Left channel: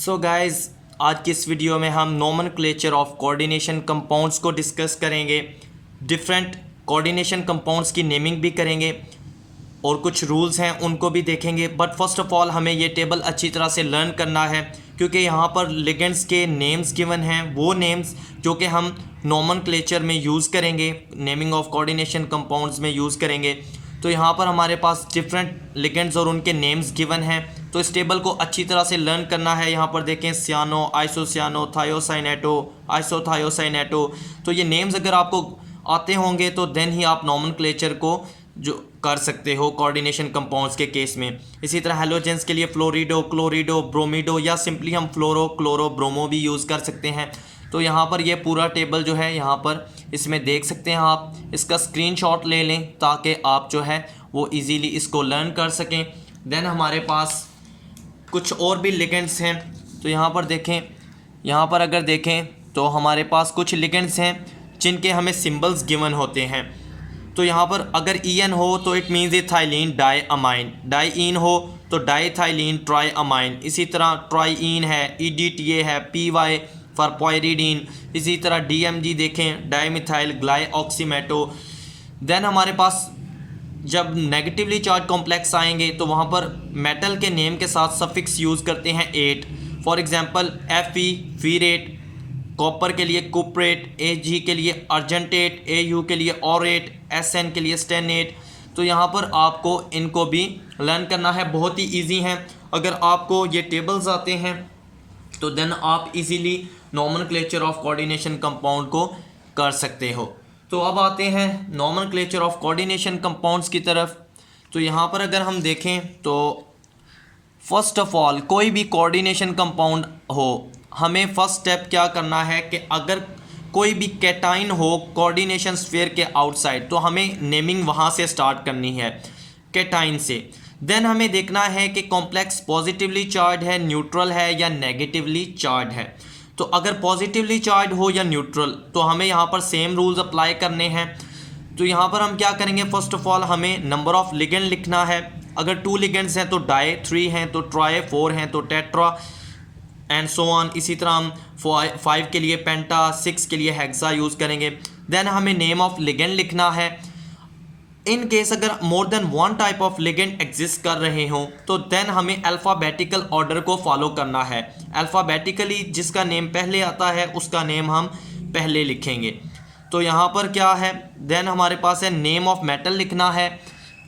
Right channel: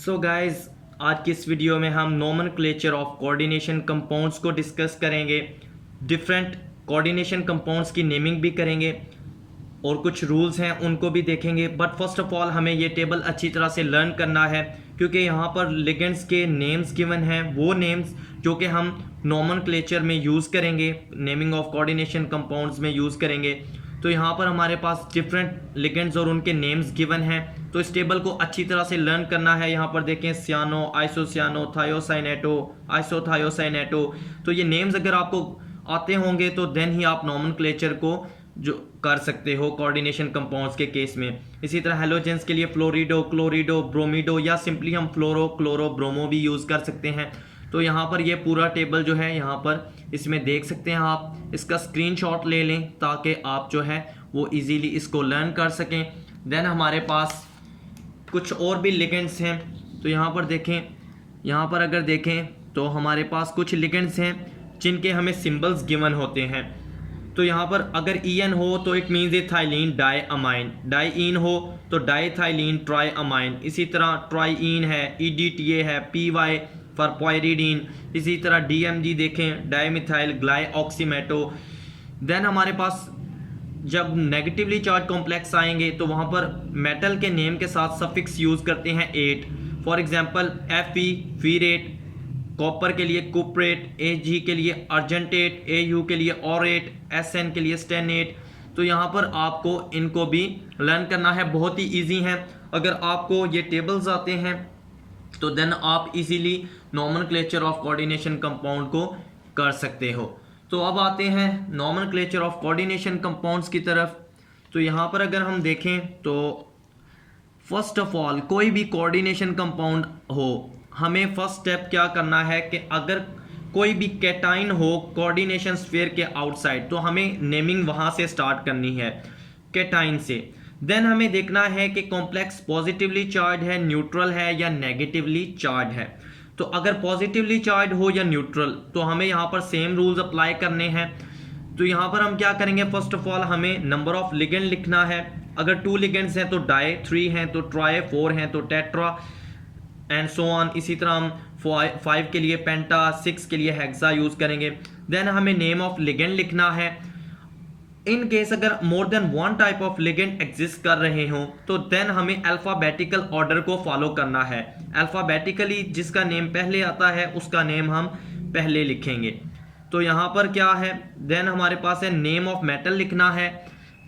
So guys, आज की इस वीडियो में हम नोमेनक्लेचर ऑफ कोऑर्डिनेशन कंपाउंड्स को डिस्कस करेंगे। डिफरेंट कोऑर्डिनेशन कंपाउंड्स की नेमिंग भी करेंगे और कुछ रूल्स हैं उनको भी देखेंगे। बट फर्स्ट ऑफ ऑल हमें ये टेबल अच्छी तरह से लर्न करना है, क्योंकि यहाँ पर लिगेंड्स के नेम्स गिवन हैं, वो नेम्स जो कि हम नोमेनक्लेचर में यूज़ करेंगे, नेमिंग ऑफ कोऑर्डिनेशन कंपाउंड्स में यूज़ करेंगे। तो यहाँ पर हमारे पास डिफरेंट लिगेंड्स और उनके नेम्स गिवन हैं, तो इस टेबल को अच्छी तरह से लर्न करना है। यहाँ पर देखें सियानो, आइसोसियानो, थायोसाइनेटो, आइसोथायोसाइनेटो। तो ये नेम्स अगर आपको आते होंगे तो देन ही आप नोमेनक्लेचर को जो कर सकते हो कोऑर्डिनेशन कंपाउंड्स के केस में। इसी तरह हेलोजेंस के लिए फ्लोरिडो, क्लोरिडो, ब्रोमिडो या सिंपली हम फ्लोरो, क्लोरो, ब्रोमो भी यूज़ कर सकते हैं। तो यहाँ पर ये पूरा टेबल जो है यहाँ पर इसमें देख सकते हैं आप। इसका स्क्रीनशॉट ले लें ताकि आप जो है वो इजीली इसको लर्न कर सकें। देन हमारे पास कुछ और भी लिगेंड्स हैं, तो यहाँ पर देखें, यहाँ पर अगर देखें तो हमारे पास कुछ लिगेंड्स हैं जिनके हमें सिंबल्स गिवन होते हैं। तो यहाँ पर अगर EN हो तो it means ethylene diamine, डाईइन हो तो डाईथाइलिन ट्राई अमाइन। इसी तरह ट्राईइन है, EDTA है, PY फॉर पायरिडीन। इसी तरह DMG देखें, डाईमिथाइल ग्लाइऑक्सीमेटो। देन हमारे पास जब नेगेटिवली चार्ज कॉम्प्लेक्स आएंगे तो वहाँ पर मेटल के नेम के साथ सफिक्स यूज़ करते हैं 8। फॉर एग्जांपल Fe फीरेट, कॉपर के लिए कुपरेट, Ag के लिए अर्जेंटेट, Au के लिए ऑरेट, Sn के लिए स्टेनेट। तो यहाँ पर आपको इनको भी लर्न करना है, बहुत ही ईजी हैं। अगर आपको ये टेबल्स आते हैं तो देन आप easily nomenclature of coordination compound को कर सकते हो। तो अब आते हैं नोमेनक्लेचर ऑफ कोऑर्डिनेशन कंपाउंड्स की तरफ। तो यहाँ पर अगर हम देखें तो फर्स्ट ऑफ ऑल कोई भी कोऑर्डिनेशन कंपाउंड हो, हमें फर्स्ट स्टेप क्या करना है कि अगर कोई भी कैटाइन हो कोऑर्डिनेशन स्फीयर के आउटसाइड, तो हमें नेमिंग वहाँ से स्टार्ट करनी है, कैटाइन से। देन हमें देखना है कि कॉम्प्लेक्स पॉजिटिवली चार्ज है, न्यूट्रल है या नेगेटिवली चार्ज है। तो अगर पॉजिटिवली चार्ज हो या न्यूट्रल तो हमें यहाँ पर सेम रूल्स अप्लाई करने हैं। तो यहाँ पर हम क्या करेंगे, फर्स्ट ऑफ ऑल हमें नंबर ऑफ लिगेंड लिखना है। अगर 2 लिगेंड्स हैं तो डाई, 3 हैं तो ट्राई, 4 हैं तो टेट्रा एंड सो ऑन। इसी तरह हम 5 के लिए पेंटा, 6 के लिए हेक्सा यूज़ करेंगे। देन हमें नेम ऑफ लिगेंड लिखना है। इन केस अगर more than 1 type of ligand exist कर रहे हों तो देन हमें अल्फ़ाबेटिकल ऑर्डर को फॉलो करना है। अल्फ़ाबेटिकली जिसका नेम पहले आता है उसका नेम हम पहले लिखेंगे। तो यहाँ पर क्या है, देन हमारे पास है नेम ऑफ मेटल लिखना है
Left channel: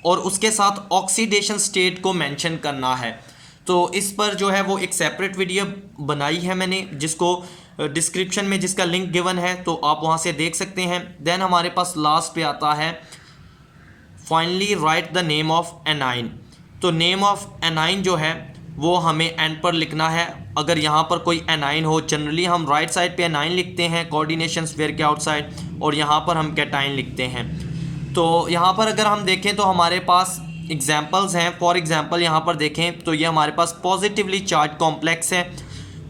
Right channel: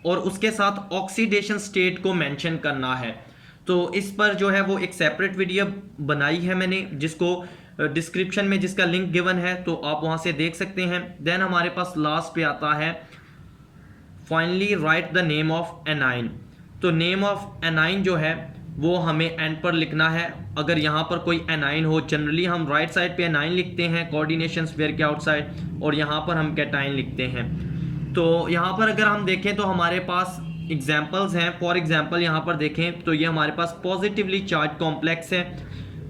और उसके साथ ऑक्सीडेशन स्टेट को मेंशन करना है। तो इस पर जो है वो एक सेपरेट वीडियो बनाई है मैंने, जिसको डिस्क्रिप्शन में जिसका लिंक गिवन है तो आप वहाँ से देख सकते हैं। देन हमारे पास लास्ट पे आता है finally right the name of anion. तो नेम ऑफ एनाइन जो है वो हमें एंड पर लिखना है। अगर यहाँ पर कोई एनाइन हो, जनरली हम राइट साइड पे एनाइन लिखते हैं कोऑर्डिनेशन स्फीयर के आउटसाइड, और यहाँ पर हम कैटाइन लिखते हैं। तो यहाँ पर अगर हम देखें तो हमारे पास एग्जाम्पल्स हैं। फॉर एग्जाम्पल यहाँ पर देखें तो ये हमारे पास पॉजिटिवली चार्ज कॉम्प्लेक्स है।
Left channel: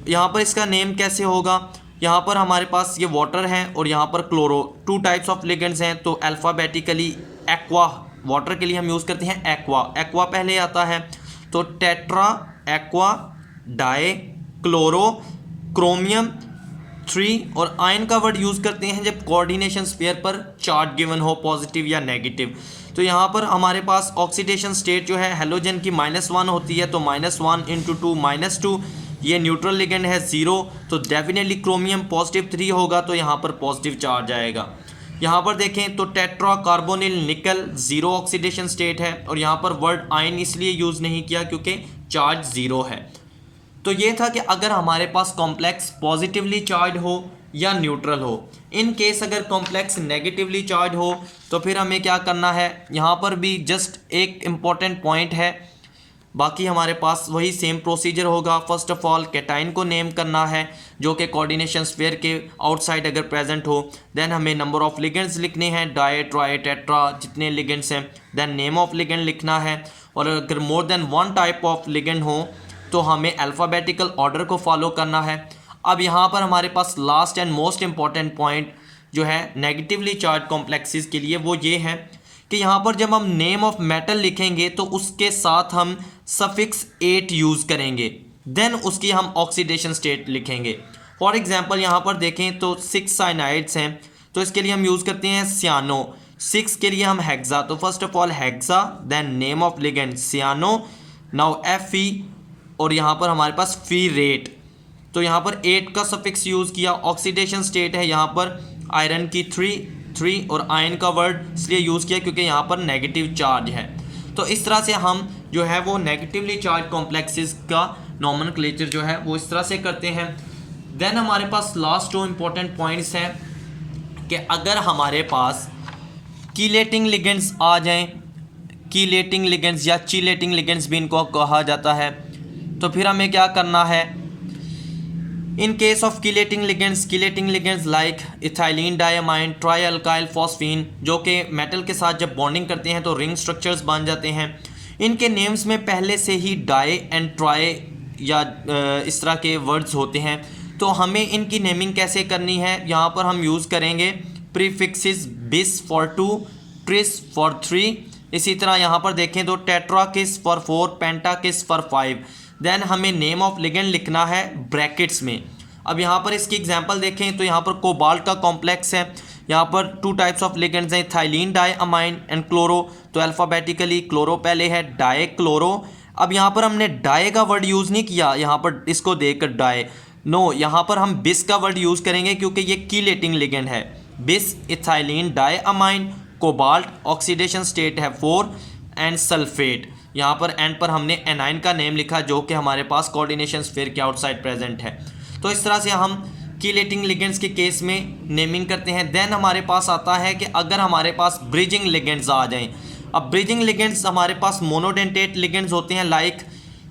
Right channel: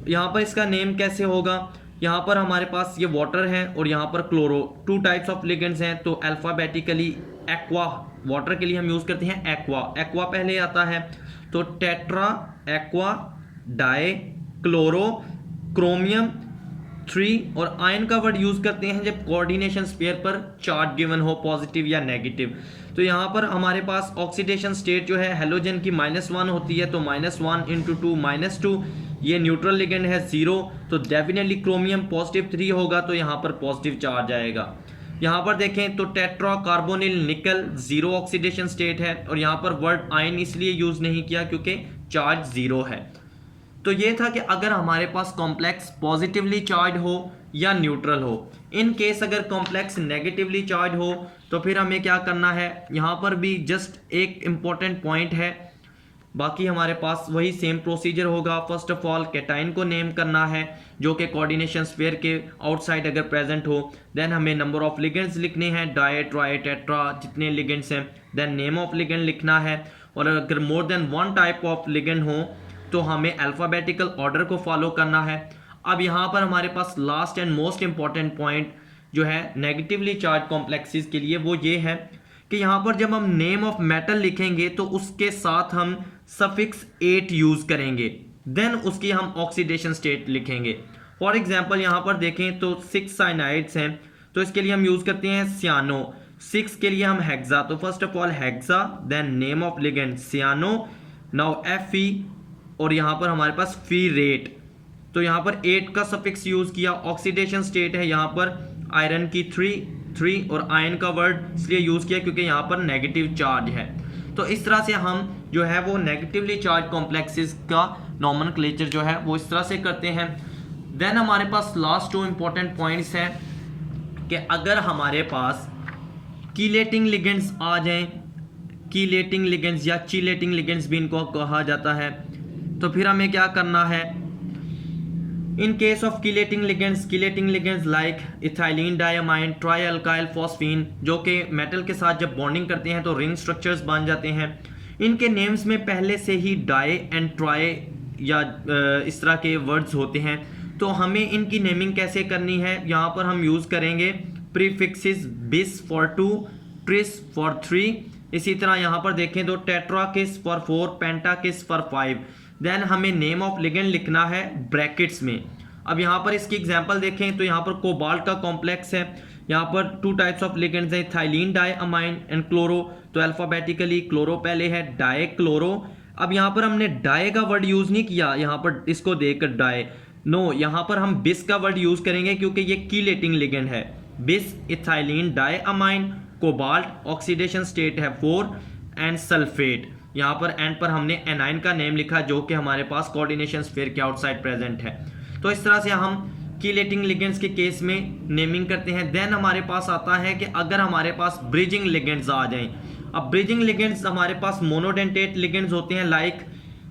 यहाँ पर इसका नेम कैसे होगा, यहाँ पर हमारे पास ये वाटर है और यहाँ पर क्लोरो। 2 टाइप्स ऑफ लिगेंड्स हैं, तो अल्फ़ाबेटिकली एक्वा, वाटर के लिए हम यूज़ करते हैं एक्वा, एक्वा पहले आता है। तो tetra, aqua, di, chloro, chromium 3 और आयन का वर्ड यूज़ करते हैं जब कोऑर्डिनेशन स्फीयर पर चार्ज गिवन हो, पॉजिटिव या नेगेटिव। तो यहाँ पर हमारे पास ऑक्सीडेशन स्टेट जो है हेलोजन की -1 होती है, तो -1 × 2 -2। ये न्यूट्रल लिगेंड है 0, तो डेफिनेटली क्रोमियम पॉजिटिव 3 होगा, तो यहाँ पर पॉजिटिव चार्ज आएगा। यहाँ पर देखें तो टेट्रा कार्बोनिल निकल 0 ऑक्सीडेशन स्टेट है, और यहाँ पर वर्ड आयन इसलिए यूज़ नहीं किया क्योंकि चार्ज 0 है। तो ये था कि अगर हमारे पास कॉम्प्लेक्स पॉजिटिवली चार्ज हो या न्यूट्रल हो। इन केस अगर कॉम्प्लेक्स नेगेटिवली चार्ज हो तो फिर हमें क्या करना है, यहाँ पर भी जस्ट एक इम्पॉर्टेंट पॉइंट है, बाकी हमारे पास वही सेम प्रोसीजर होगा। फर्स्ट ऑफ ऑल कैटाइन को नेम करना है जो कि कोऑर्डिनेशन स्फीयर के आउटसाइड अगर प्रेजेंट हो। देन हमें नंबर ऑफ लिगेंड्स लिखने हैं, डाई, ट्राई, टेट्रा जितने लिगेंड्स हैं। देन नेम ऑफ लिगेंड लिखना है, और अगर more than 1 type of ligand हो तो हमें अल्फ़ाबेटिकल ऑर्डर को फॉलो करना है। अब यहाँ पर हमारे पास last and most important point जो है नेगेटिवली चार्ज कॉम्प्लेक्सेस के लिए वो ये है कि यहाँ पर जब हम नेम ऑफ मेटल लिखेंगे तो उसके साथ हम सफिक्स 8 यूज़ करेंगे। देन उसकी हम ऑक्सीडेशन स्टेट लिखेंगे। फॉर एग्जांपल यहाँ पर देखें तो 6 साइनाइड्स हैं, तो इसके लिए हम यूज़ करते हैं सियानो। 6 के लिए हम हेक्सा, तो first of all hexa, then name of ligand cyano, now Fe, और यहाँ पर हमारे पास फीरेट, तो यहाँ पर 8 का सफिक्स यूज़ किया। ऑक्सीडेशन स्टेट है यहाँ पर आयरन की 3 और आयन का वर्ड इसलिए यूज़ किया क्योंकि यहाँ पर नेगेटिव चार्ज है। तो इस तरह से हम जो है वो नेगेटिवली चार्ज कॉम्प्लेक्सेस का नॉमेनक्लेचर जो है वो इस तरह से करते हैं। देन हमारे पास लास्ट 2 इंपॉर्टेंट पॉइंट्स हैं कि अगर हमारे पास कीलेटिंग लिगेंड्स आ जाएं, कीलेटिंग लिगेंड्स या चीलेटिंग लिगेंड्स भी इनको कहा जाता है, तो फिर हमें क्या करना है। In case of chelating ligands like ethylene diamine, try alkyl phosphine, जो कि मेटल के साथ जब बॉन्डिंग करते हैं तो रिंग स्ट्रक्चर्स बन जाते हैं। इनके नेम्स में पहले से ही डाई एंड ट्राई या इस तरह के वर्ड्स होते हैं, तो हमें इनकी नेमिंग कैसे करनी है। यहाँ पर हम यूज़ करेंगे प्रीफिक्सेस बिस फॉर 2, ट्रिस फॉर 3। इसी तरह यहाँ पर देखें तो टेट्राकिस फॉर 4, पेंटाकिस फॉर 5। देन हमें नेम ऑफ लिगेंड लिखना है ब्रैकेट्स में। अब यहाँ पर इसकी एग्जांपल देखें तो यहाँ पर कोबाल्ट का कॉम्प्लेक्स है, यहाँ पर 2 टाइप्स ऑफ लिगेंड्स हैं, थाइलिन डायअमाइन एंड क्लोरो। तो अल्फ़ाबेटिकली क्लोरो पहले है, डाई क्लोरो। अब यहाँ पर हमने डाई का वर्ड यूज़ नहीं किया, यहाँ पर इसको देखकर डाई नो, यहाँ पर हम बिस का वर्ड यूज़ करेंगे क्योंकि ये कीलेटिंग लिगेंड है। बिस ethylene diamine, cobalt, oxidation state है 4 एंड सल्फेट। यहाँ पर एंड पर हमने एनाइन का नेम लिखा जो कि हमारे पास कोऑर्डिनेशन स्फीयर के आउटसाइड प्रेजेंट है। तो इस तरह से हम कीलेटिंग लिगेंड्स के केस में नेमिंग करते हैं। देन हमारे पास आता है कि अगर हमारे पास ब्रिजिंग लिगेंड्स आ जाएं। अब ब्रिजिंग लिगेंड्स हमारे पास मोनोडेंटेट लिगेंड्स होते हैं like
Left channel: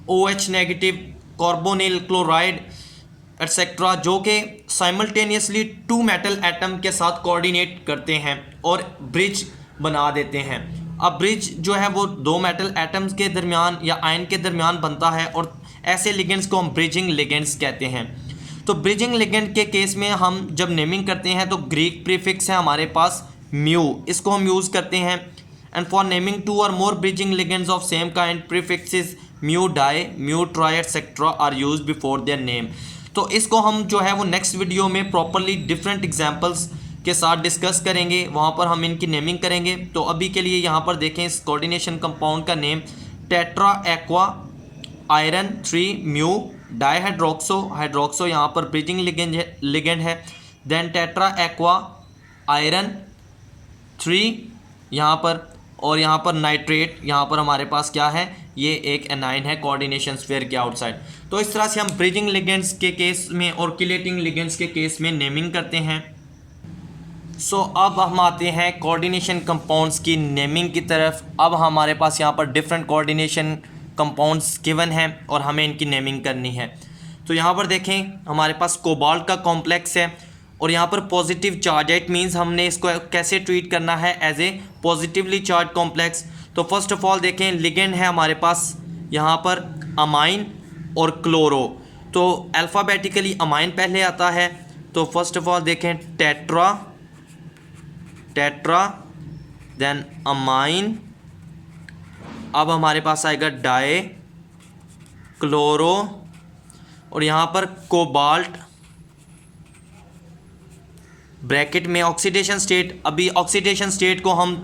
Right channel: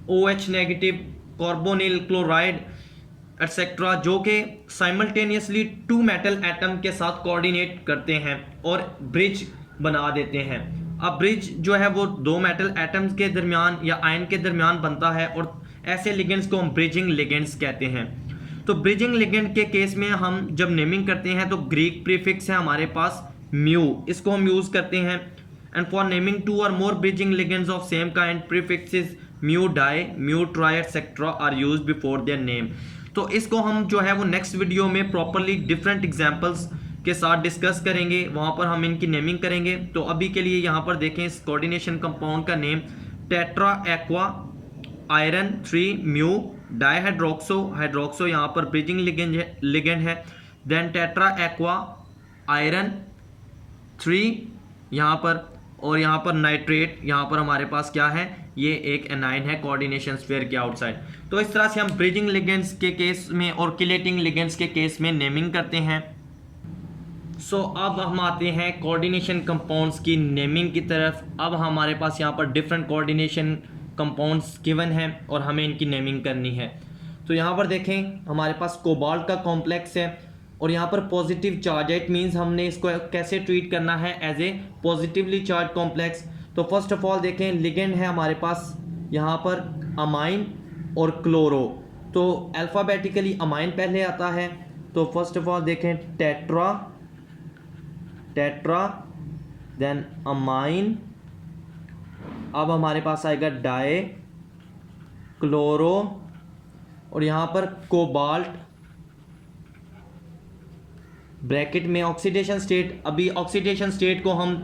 OH negative, carbonyl chloride etcetera, जो कि साइमल्टेनियसली 2 मेटल एटम के साथ कोऑर्डिनेट करते हैं और ब्रिज बना देते हैं। अब ब्रिज जो है वो 2 मेटल एटम्स के दरमियान या आयन के दरमियान बनता है और ऐसे लिगेंड्स को हम ब्रिजिंग लिगेंड्स कहते हैं। तो ब्रिजिंग लिगेंड के केस में हम जब नेमिंग करते हैं तो ग्रीक प्रीफिक्स है हमारे पास म्यू, इसको हम यूज़ करते हैं। एंड फॉर नेमिंग 2 और more bridging ligands of same kind prefixes mu di, mu tri etcetera are used before their name. तो इसको हम जो है वो नेक्स्ट वीडियो में प्रॉपरली डिफरेंट एग्जांपल्स के साथ डिस्कस करेंगे, वहाँ पर हम इनकी नेमिंग करेंगे। तो अभी के लिए यहाँ पर देखें इस कोऑर्डिनेशन कंपाउंड का name tetra aqua iron 3 mu dihydroxo, यहाँ पर ब्रिजिंग लिगेंड है। देन टेट्रा एक्वा आयरन 3 यहाँ पर, और यहाँ पर नाइट्रेट, यहाँ पर हमारे पास क्या है, ये एक एनाइन है कोऑर्डिनेशन स्फीयर के आउटसाइड। तो इस तरह से हम ब्रिजिंग लिगेंड्स के केस में और कीलेटिंग लिगेंड्स के केस में नेमिंग करते हैं। अब हम आते हैं कोऑर्डिनेशन कंपाउंड्स की नेमिंग की तरफ। अब हमारे पास यहाँ पर डिफरेंट कोऑर्डिनेशन कंपाउंड्स गिवन हैं और हमें इनकी नेमिंग करनी है। तो यहाँ पर देखें हमारे पास कोबाल्ट का कॉम्प्लेक्स है और यहाँ पर पॉजिटिव चार्ज है, इट मीन्स हमने इसको कैसे ट्रीट करना है, as a positively charged complex. तो फर्स्ट ऑफ ऑल देखें लिगेंड है हमारे पास यहाँ पर अमाइन और क्लोरो। तो अल्फ़ाबेटिकली अमाइन पहले आता है, तो फर्स्ट ऑफ ऑल देखें टेट्रा देन अमाइन। अब हमारे पास आएगा डाई क्लोरो और यहाँ पर कोबाल्ट ब्रैकेट में ऑक्सीडेशन स्टेट। अभी ऑक्सीडेशन स्टेट को हम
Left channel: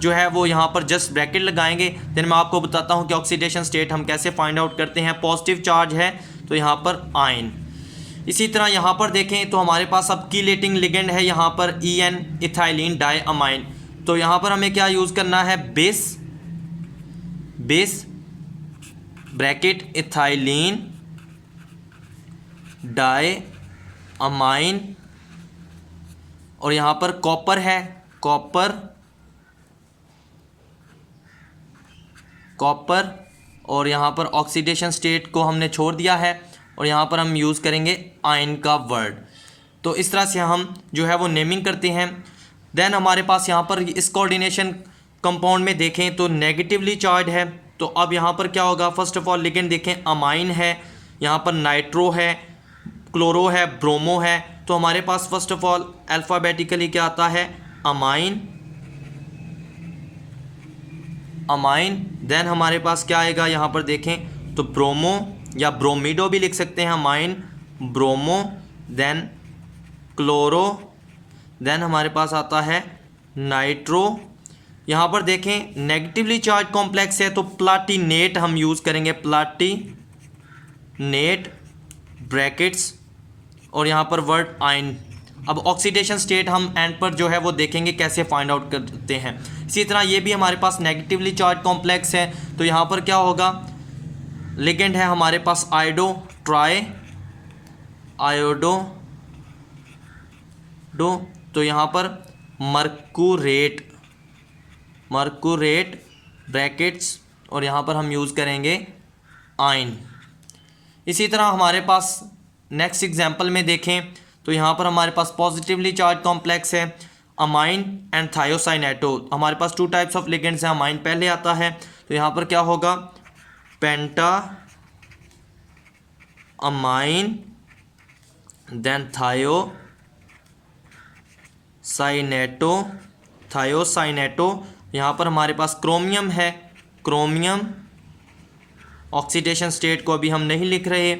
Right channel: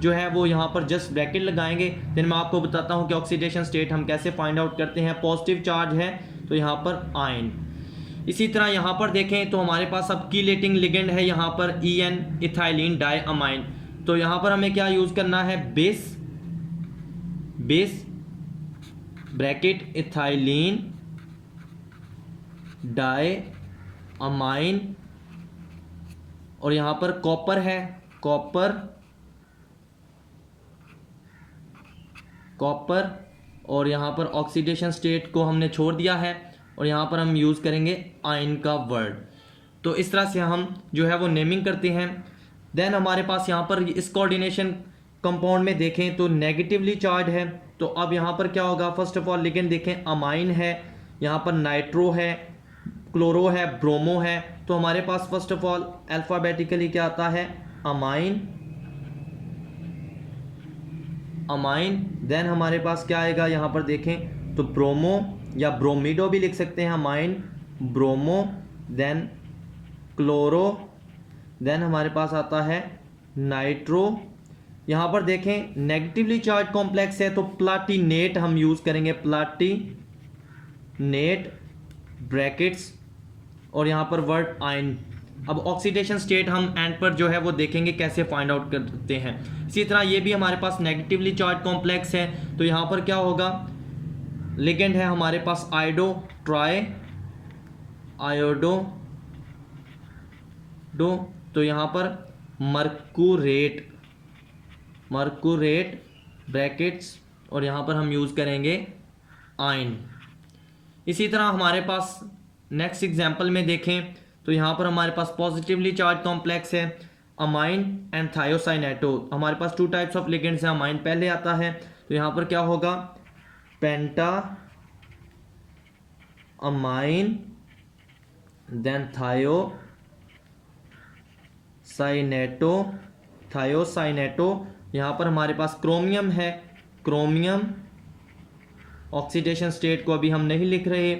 जो है वो यहाँ पर जस्ट ब्रैकेट लगाएंगे, देन मैं आपको बताता हूँ कि ऑक्सीडेशन स्टेट हम कैसे फाइंड आउट करते हैं। पॉजिटिव चार्ज है तो यहाँ पर आयन। इसी तरह यहाँ पर देखें तो हमारे पास अब कीलेटिंग लिगेंड है यहाँ पर EN इथाइलिन डायअमाइन। तो यहाँ पर हमें क्या यूज़ करना है, बेस ब्रैकेट इथाइलिन डायअमाइन, और यहाँ पर कॉपर है, कॉपर और यहाँ पर ऑक्सीडेशन स्टेट को हमने छोड़ दिया है और यहाँ पर हम यूज़ करेंगे आयन का वर्ड। तो इस तरह से हम जो है वो नेमिंग करते हैं। देन हमारे पास यहाँ पर इस कोऑर्डिनेशन कंपाउंड में देखें तो नेगेटिवली चार्ज है। तो अब यहाँ पर क्या होगा, फर्स्ट ऑफ ऑल लिगेंड देखें अमाइन है, यहाँ पर नाइट्रो है, क्लोरो है, ब्रोमो है। तो हमारे पास फर्स्ट ऑफ ऑल अल्फ़ाबेटिकली क्या आता है, अमाइन। देन हमारे पास क्या आएगा, यहाँ पर देखें तो ब्रोमो या ब्रोमीडो भी लिख सकते हैं, amine, bromo, then chloro, then हमारे पास आता है नाइट्रो। यहाँ पर देखें नेगेटिवली चार्ज कॉम्प्लेक्स है तो प्लाटिनेट हम यूज़ करेंगे, प्लाटिनेट ब्रैकेट्स और यहाँ पर वर्ड आयन। अब ऑक्सीडेशन स्टेट हम एंड पर जो है वो देखेंगे कैसे फाइंड आउट करते हैं। इसी तरह ये भी हमारे पास नेगेटिवली चार्ज कॉम्प्लेक्स है तो यहाँ पर क्या होगा, लिगेंड है हमारे पास आयोडो ट्राई आयोडो डो, तो यहाँ पर मर्कुरेट ब्रैकेट्स और यहाँ पर हम यूज़ करेंगे आयन। इसी तरह हमारे पास नेक्स्ट एग्जांपल में देखें तो यहाँ पर हमारे पास पॉजिटिवली चार्ज कॉम्प्लेक्स है अमाइन एंड थायोसाइनेटो। हमारे पास 2 टाइप्स ऑफ लिगेंड्स हैं, अमाइन पहले आता है तो यहाँ पर क्या होगा, पेंटा अमाइन, देन थायोसाइनेटो। यहाँ पर हमारे पास क्रोमियम है, क्रोमियम ऑक्सीडेशन स्टेट को अभी हम नहीं लिख रहे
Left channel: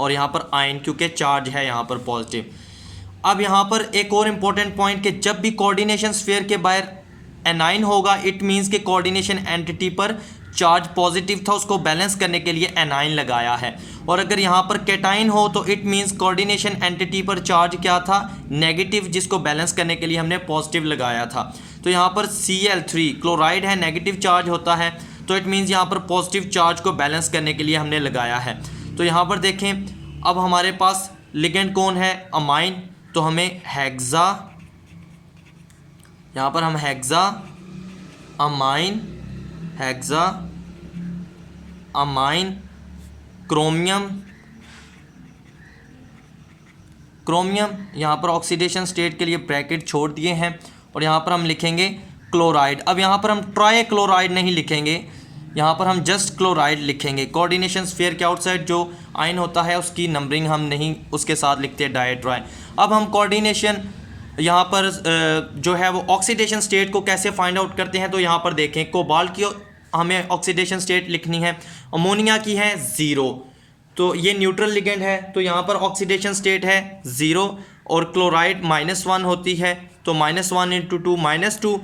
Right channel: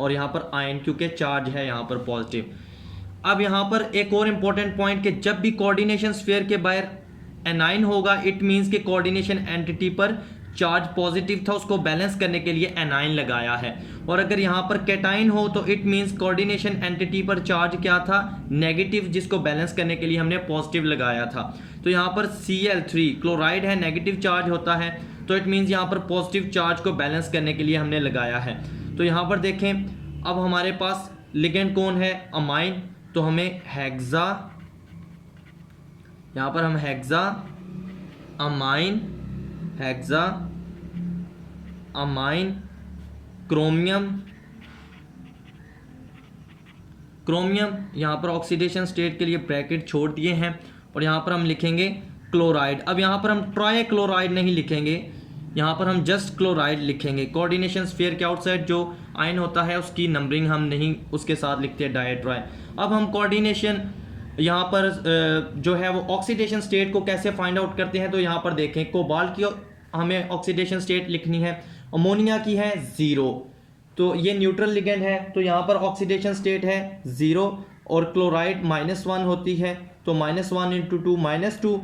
और यहाँ पर आयन क्योंकि चार्ज है यहाँ पर पॉजिटिव। अब यहाँ पर एक और इम्पोर्टेंट पॉइंट कि जब भी कोऑर्डिनेशन स्फीयर के बाहर एनाइन होगा इट मीन्स कि कोऑर्डिनेशन एंटिटी पर चार्ज पॉजिटिव था, उसको बैलेंस करने के लिए एनाइन लगाया है। और अगर यहाँ पर कैटाइन हो तो इट मीन्स कोऑर्डिनेशन एंटिटी पर चार्ज क्या था, नेगेटिव, जिसको बैलेंस करने के लिए हमने पॉजिटिव लगाया था। तो यहाँ पर Cl3 क्लोराइड है, नेगेटिव चार्ज होता है तो इट मीन्स यहाँ पर पॉजिटिव चार्ज को बैलेंस करने के लिए हमने लगाया है। तो यहाँ पर देखें अब हमारे पास लिगेंड कौन है, अमाइन, तो हमें हेक्सा, यहाँ पर हम हेक्सा अमाइन क्रोमियम यहाँ पर ऑक्सीडेशन स्टेट के लिए ब्रैकेट छोड़ दिए हैं और यहाँ पर हम लिखेंगे क्लोराइड। अब यहाँ पर हम ट्राई क्लोराइड नहीं लिखेंगे, यहाँ पर हम जस्ट क्लोराइड लिखेंगे। कोऑर्डिनेशन स्फीयर के आउटसाइड जो आयन होता है उसकी नंबरिंग हम नहीं उसके साथ लिखते डायट्राई। अब हम कोऑर्डिनेशन यहाँ पर जो है वो ऑक्सीडेशन स्टेट को कैसे फाइंड आउट करते हैं तो यहाँ पर देखें, कोबाल्ट की हमें ऑक्सीडेशन स्टेट लिखनी है, अमोनिया की है 0, तो ये न्यूट्रल लिगेंड है तो यहाँ पर ऑक्सीडेशन स्टेट है 0 और क्लोराइड -1 होती है तो -1 × 2 -2,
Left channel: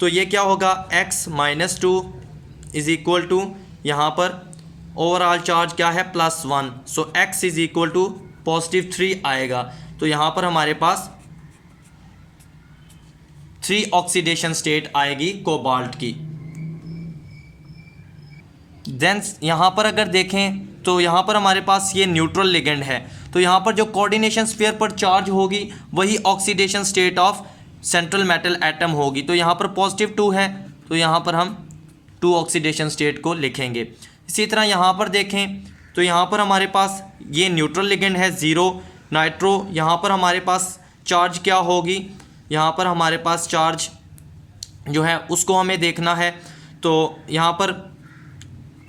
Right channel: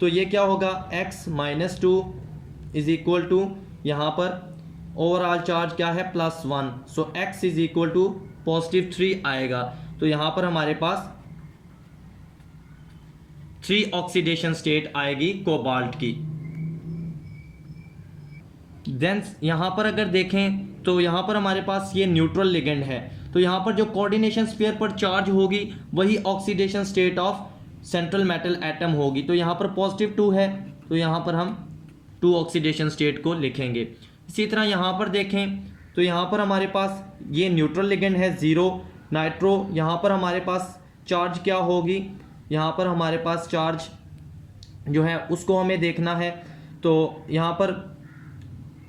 तो ये क्या होगा x -2 इज इक्वल टू यहाँ पर ओवरऑल चार्ज क्या है +1, सो x इज इक्वल टू +3 आएगा। तो यहाँ पर हमारे पास 3 ऑक्सीडेशन स्टेट आएगी कोबाल्ट की। देन यहाँ पर अगर देखें तो यहाँ पर हमारे पास ये न्यूट्रल लिगेंड है तो यहाँ पर जो कोऑर्डिनेशन स्फीयर पर चार्ज होगी वही oxidation state of central metal atom होगी। तो यहाँ पर +2 है तो यहाँ पर हम 2 ऑक्सीडेशन स्टेट को लिखेंगे। इसी तरह यहाँ पर देखें तो यहाँ पर हमारे पास ये न्यूट्रल लिगेंड है 0 नाइट्रो, यहाँ पर हमारे पास चार्ज क्या होगी, यहाँ पर हमारे पास चार्ज जो है उसको हमें देखना है। तो यहाँ पर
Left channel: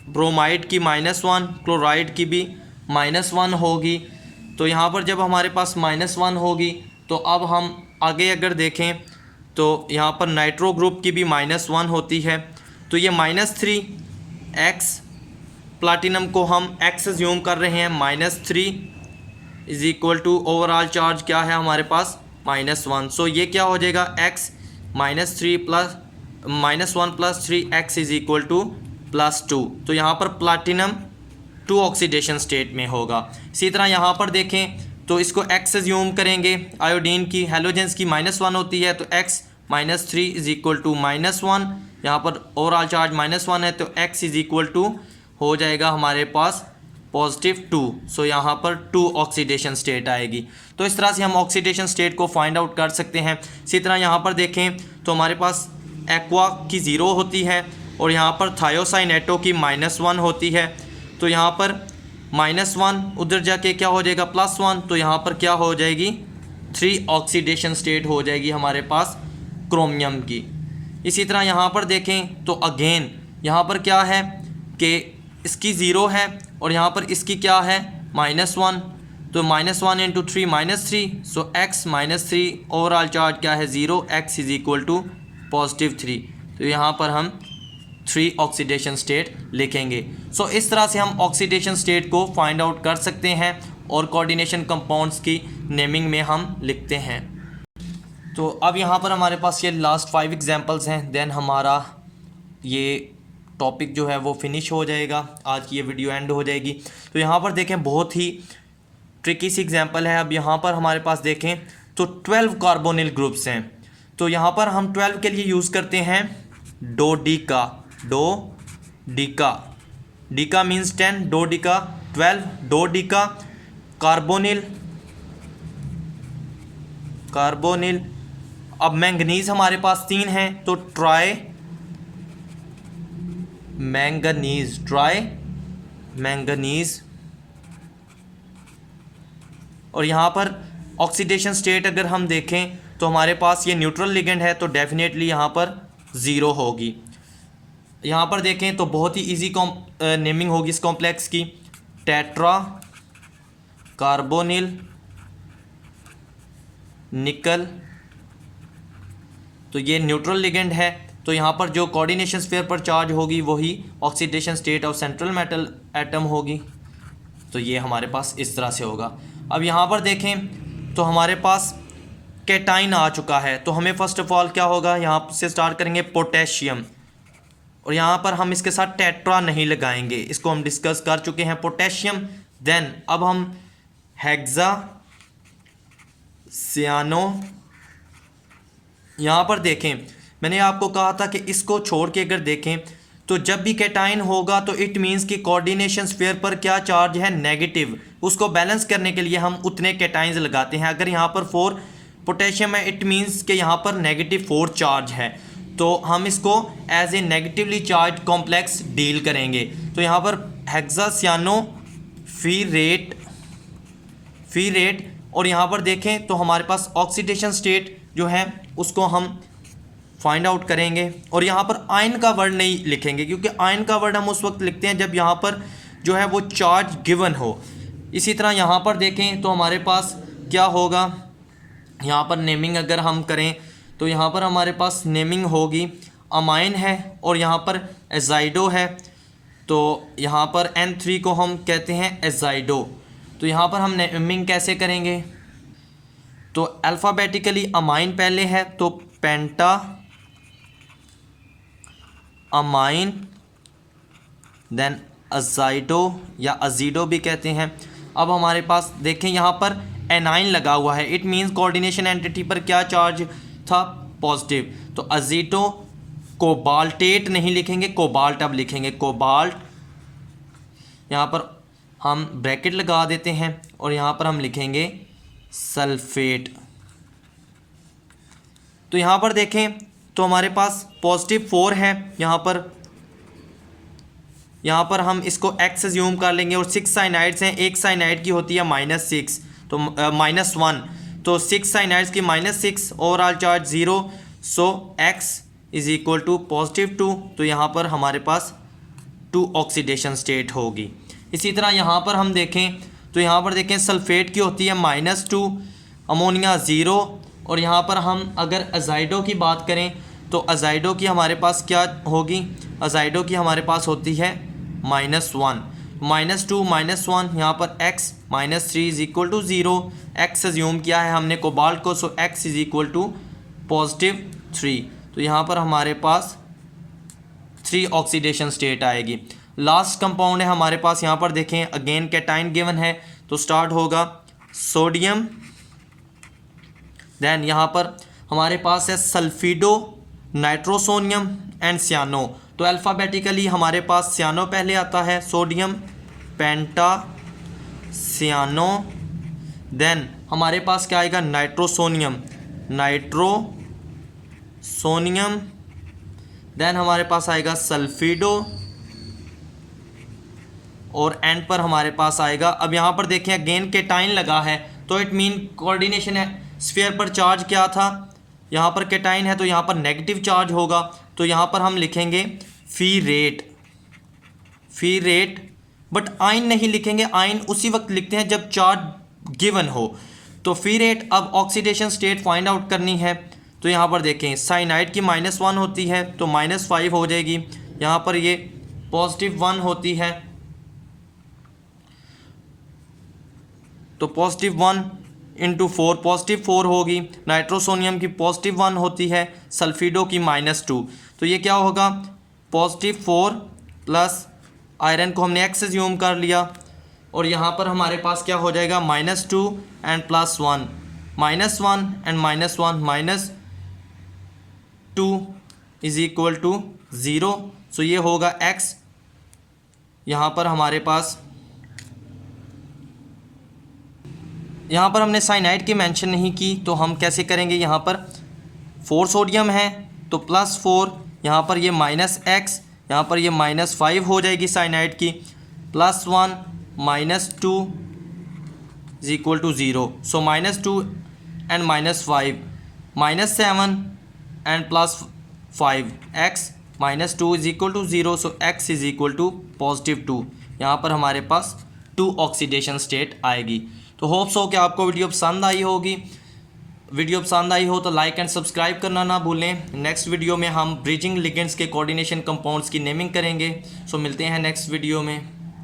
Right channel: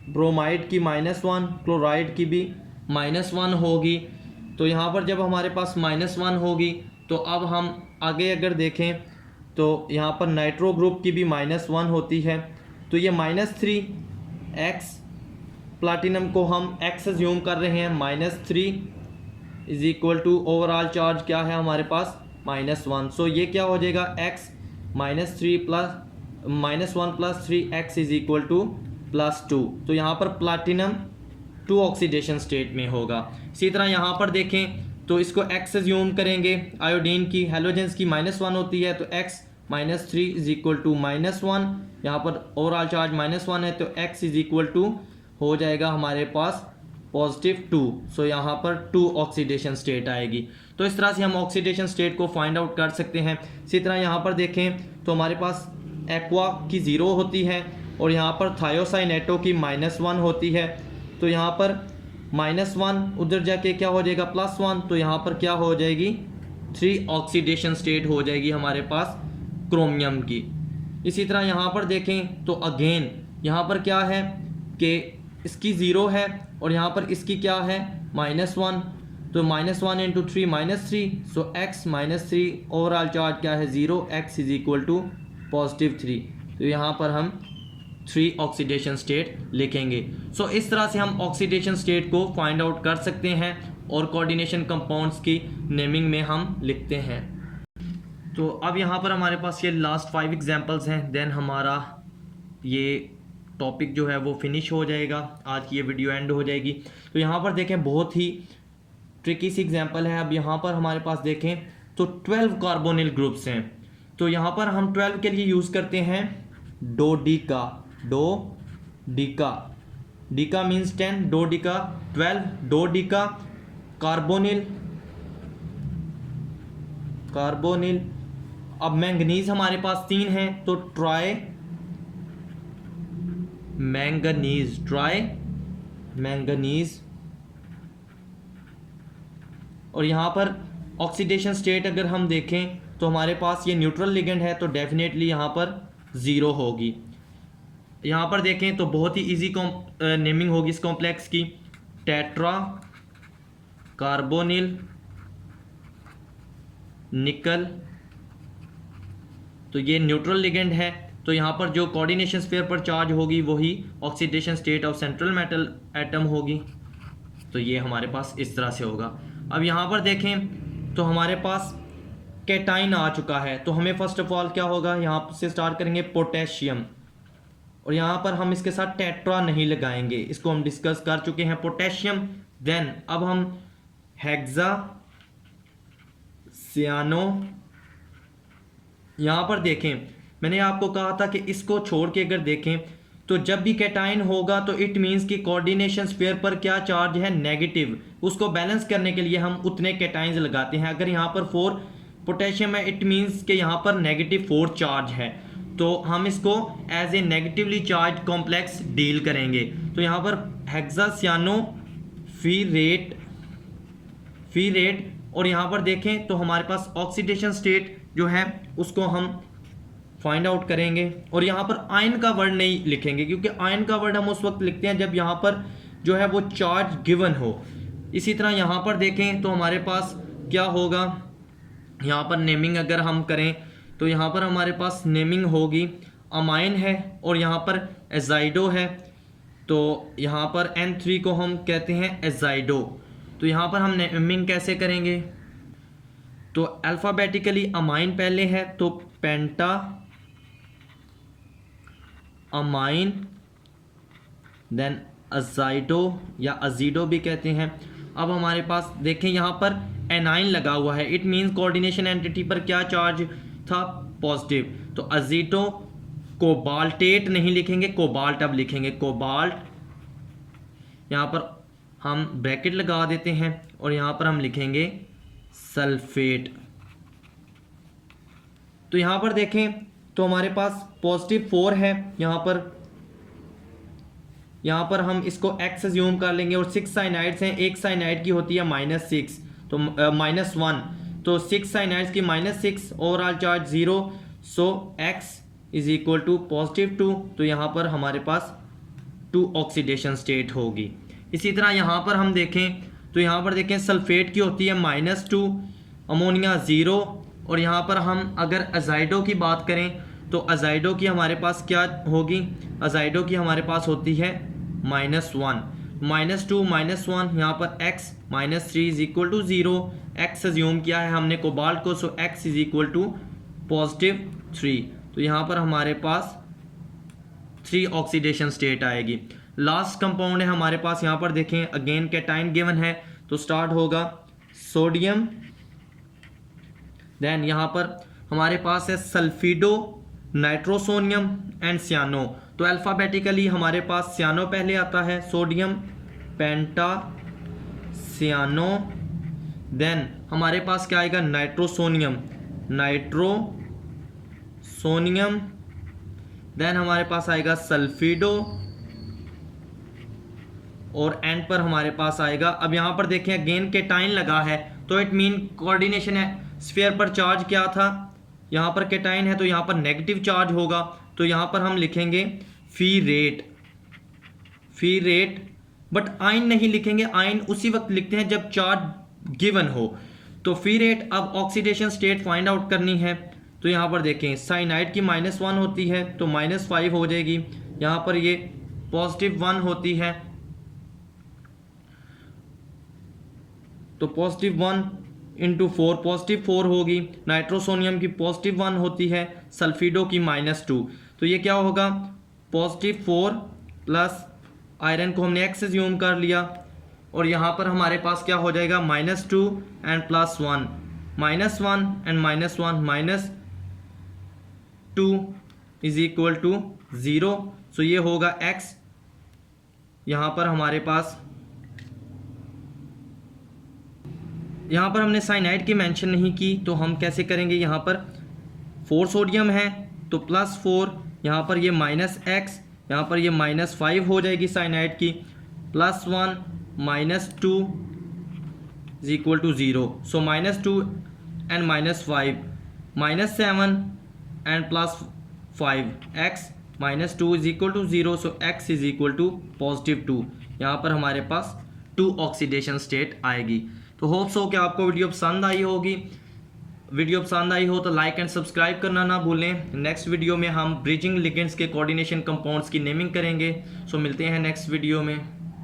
ब्रोमाइड की -1, क्लोराइड की भी -1 होगी। तो यहाँ पर जब हमारे पास -1 होगी तो अब हम आगे अगर देखें तो यहाँ पर नाइट्रो ग्रुप की भी -1 होती है तो ये -3 x, प्लाटिनम को हम x ज्यूम कर रहे हैं -3 is equal to overall charge क्या है हमारे पास -1, सो ये क्या हो जाएगा x -3 plus -1 + 3x is equal to +2। तो यहाँ पर प्लाटिनम 2 ऑक्सीडेशन स्टेट में होगा। इसी तरह यहाँ पर देखें तो इसको x ज्यूम करेंगे, आयोडीन की हैलोजेंस की -1 होती है तो x -3 इज इक्वल टू -1, यहाँ पर ओवरऑल चार्ज -1 है तो x इज इक्वल टू हो जाएगा हमारे पास +2, सो यहाँ पर 2 ऑक्सीडेशन स्टेट आएगी। तो इस तरह से हम ऑक्सीडेशन स्टेट को फाइंड आउट कर सकते हैं। इसी तरह यहाँ पर देखें तो हमारे पास एक्वा की 0 होती है और यहाँ पर थायोसाइनेटो की -1 होती है तो यहाँ पर -1 उधर जाके क्या हो जाएगा +1, तो यहाँ पर क्या हो जाएगी 3 ऑक्सीडेशन स्टेट हो जाएगी हमारे पास क्रोमियम की। इसी तरह यहाँ पर देखें तो अगेन यहाँ पर क्या है कि इसकी 0 है और यहाँ पर इसकी क्या है -1, तो -1 × 3 -3, सो x -3 ओवरऑल चार्ज क्या है 0, x इज इक्वल टू +3। तो यहाँ पर हम 3 ऑक्सीडेशन स्टेट लिखेंगे। सो इस तरह से हम ऑक्सीडेशन स्टेट को फाइंड आउट कर सकते हैं और कोऑर्डिनेशन कंपाउंड्स की नेमिंग में हम लिखते हैं। तो अब यहाँ पर हमारे पास ये लास्ट 5 एग्जांपल्स हैं, देन हमारा ये टॉपिक जो है वो फिनिश हो जाएगा, आज की ये वीडियो एंड हो जाएगी। तो यहाँ पर देखें बहुत ही ट्रिकी सी एग्जांपल है। अब यहाँ पर हमारे पास देखें तो 12 कार्बोनिल ग्रुप्स हैं। तो यहाँ पर हम 12 के लिए यूज़ करते हैं डोडिका। डीका मीन्स 10, डोडिका 12, डोडिका कार्बोनिल। अब मैंगनीज हमारे पास 3 हैं, तो ट्राई मैंगनीज। और यहाँ पर ऑक्सीडेशन स्टेट अगर हम देखें तो हमारे पास ये न्यूट्रल लिगेंड है, तो डेफिनेटली यहाँ पर 0 होगी। यहाँ पर देखें तो बहुत ही इजी नेमिंग होगी इस कॉम्प्लेक्स की, टेट्रा कार्बोनिल निकल। तो ये न्यूट्रल लिगेंड है, तो यहाँ पर जो कोऑर्डिनेशन स्फीयर पर चार्ज होगी वही oxidation state of central metal atom होगी। तो ये हमारे पास इस तरह से होगा। अब यहाँ पर देखें तो हमारे पास कैटाइन आ चुका है, तो हमें फर्स्ट ऑफ ऑल क्या होगा, यहाँ से स्टार्ट करेंगे पोटेशियम, और यहाँ पर हम इसके साथ टेट्रा नहीं लगाएंगे, इसको हम डिस्कस कर चुके हैं, पोटेशियम। देन अब हम हेक्सा सियानो। यहाँ पर देखें मैंने आपको कहा था कि इसको छोड़ के अगर देखें तो जब भी कैटाइन होगा तो इट मीन्स कि कोऑर्डिनेशन स्फीयर पर क्या चार्ज है, नेगेटिव। उसको बैलेंस करने के लिए हम उतने कैटाइंस लगाते हैं। अगर यहाँ पर 4 पोटेशियम है, इट मीन्स कि यहाँ पर नेगेटिव 4 चार्ज है, तो हम इसको as a negatively charge complex deal करेंगे। तो यहाँ पर हेक्सासियानो फी रेट। और यहाँ पर देखें तो हमारे पास ऑक्सीडेशन स्टेट जो है उसको हम फाइंड आउट करेंगे। और यहाँ पर आयन का वर्ड नहीं लिखेंगे, क्योंकि आयन का वर्ड हम उस वक्त लिखते हैं जब यहाँ पर जो है वो चार्ज गिवन हो। इसी तरह यहाँ पर देखें तो हमारे पास क्या होगा, यहाँ पर नेमिंग अगर हम करें तो यहाँ पर हमारे पास नेमिंग होगी अमाइन है, और यहाँ पर एजाइडो है, तो यहाँ पर N3 को हम कहते हैं एजाइडो। तो यहाँ पर हम नेमिंग कैसे करेंगे, तो अल्फ़ाबेटिकली अमाइन पहले है, तो पेंटा अमाइन, देन अजाइडो या अजीडो भी कहते हैं। अब हमारे पास देखें यहाँ पर एनाइन लगा हुआ है, इट मीन्स कोऑर्डिनेशन एंटिटी पर क्या चार्ज था, पॉजिटिव। तो अजीटो कोबाल्टेट नहीं लिखेंगे, कोबाल्ट अब लिखेंगे, कोबाल्ट। यहाँ पर हम ब्रैकेट लगा देते हैं और यहाँ पर हम लिखेंगे सल्फेट। तो यहाँ पर देखें तो हमारे पास पॉजिटिव 4 है, यहाँ पर हम इसको x अज्यूम कर लेंगे, और 6 साइनाइड्स हैं, एक साइनाइड की होती है -6, तो -1, तो 6 साइनाइड्स की -6, overall charge 0, so x is equal to +2। तो यहाँ पर हमारे पास 2 ऑक्सीडेशन स्टेट होगी। इसी तरह यहाँ पर हम देखें तो यहाँ पर देखें सल्फेट की होती है -2, अमोनिया 0, और यहाँ पर हम अगर अजाइडो की बात करें तो अजाइडो की हमारे पास क्या होगी, अजाइडो की हमारे पास होती है -1, -2 -1, यहाँ पर x -3 is equal to 0, x assume किया है हमने कोबाल्ट को, so x is equal to +3। तो यहाँ पर हमारे पास 3 ऑक्सीडेशन स्टेट आएगी। लास्ट कंपाउंड है हमारे पास, यहाँ पर देखें अगेन कैटाइन गिवन है, तो स्टार्ट होगा सोडियम, देन यहाँ पर हमारे पास है सल्फिडो, नाइट्रोसोनियम एंड सियानो। तो अल्फ़ाबेटिकली हमारे पास सियानो पहले आता है, सोडियम पेंटा सियानो, देन हमारे पास क्या आएगा, नाइट्रोसोनियम, देन हमारे पास आएगा सल्फिडो, और एंड पर हमारे पास आएगा। अब यहाँ पर देखें अगेन कैटाइन लगा है, तो इट मीन कोऑर्डिनेशन है स्फीयर पर चार्ज क्या था, यहाँ पर कैटाइन है तो यहाँ पर नेगेटिव चार्ज होगा, तो यहाँ पर हम लिखेंगे फी रेट, बट आयन नहीं लिखेंगे, आयन उसी वक्त लिखते हैं जब चार्ज गिवन हो। तो फी रेट, अब ऑक्सीडेशन स्टेट फाइंड आउट करनी है, तो यहाँ पर देखें साइनाइड की -1 होती है तो -5 हो जाएगी, यहाँ पर ये +1 होती है, तो +1 × 4 +4 होगी। नाइट्रोसोनियम की +1 होती है, सल्फिडो की -2। तो ये क्या होगा, +4 प्लस आयरन को हमने x एज्यूम कर लिया, और यहाँ पर हमारे पास क्या हो जाएगा, -2 and +1, -1 and -1 -2 is equal to 0। So ये होगा x। यहाँ पर हमारे पास, यहाँ पर हमने साइनाइड की मेंशन नहीं की, तो हम कैसे करेंगे, यहाँ पर 4 सोडियम है तो +4, यहाँ पर ये -x, यहाँ पर ये -5 हो जाएगी साइनाइड की, +1 -2 is equal to 0। So -2 and -5, -7 and +5, x -2 is equal to 0। So x is equal to +2। यहाँ पर हमारे पास 2 ऑक्सीडेशन स्टेट आएगी। तो होप्स हो कि आपको वीडियो पसंद आई होगी। वीडियो पसंद आई हो तो लाइक एंड सब्सक्राइब करना ना भूलें। नेक्स्ट वीडियो में हम ब्रिजिंग लिगेंड्स के कोऑर्डिनेशन कंपाउंड्स की नेमिंग करेंगे। सो मिलते हैं नेक्स्ट वीडियो में।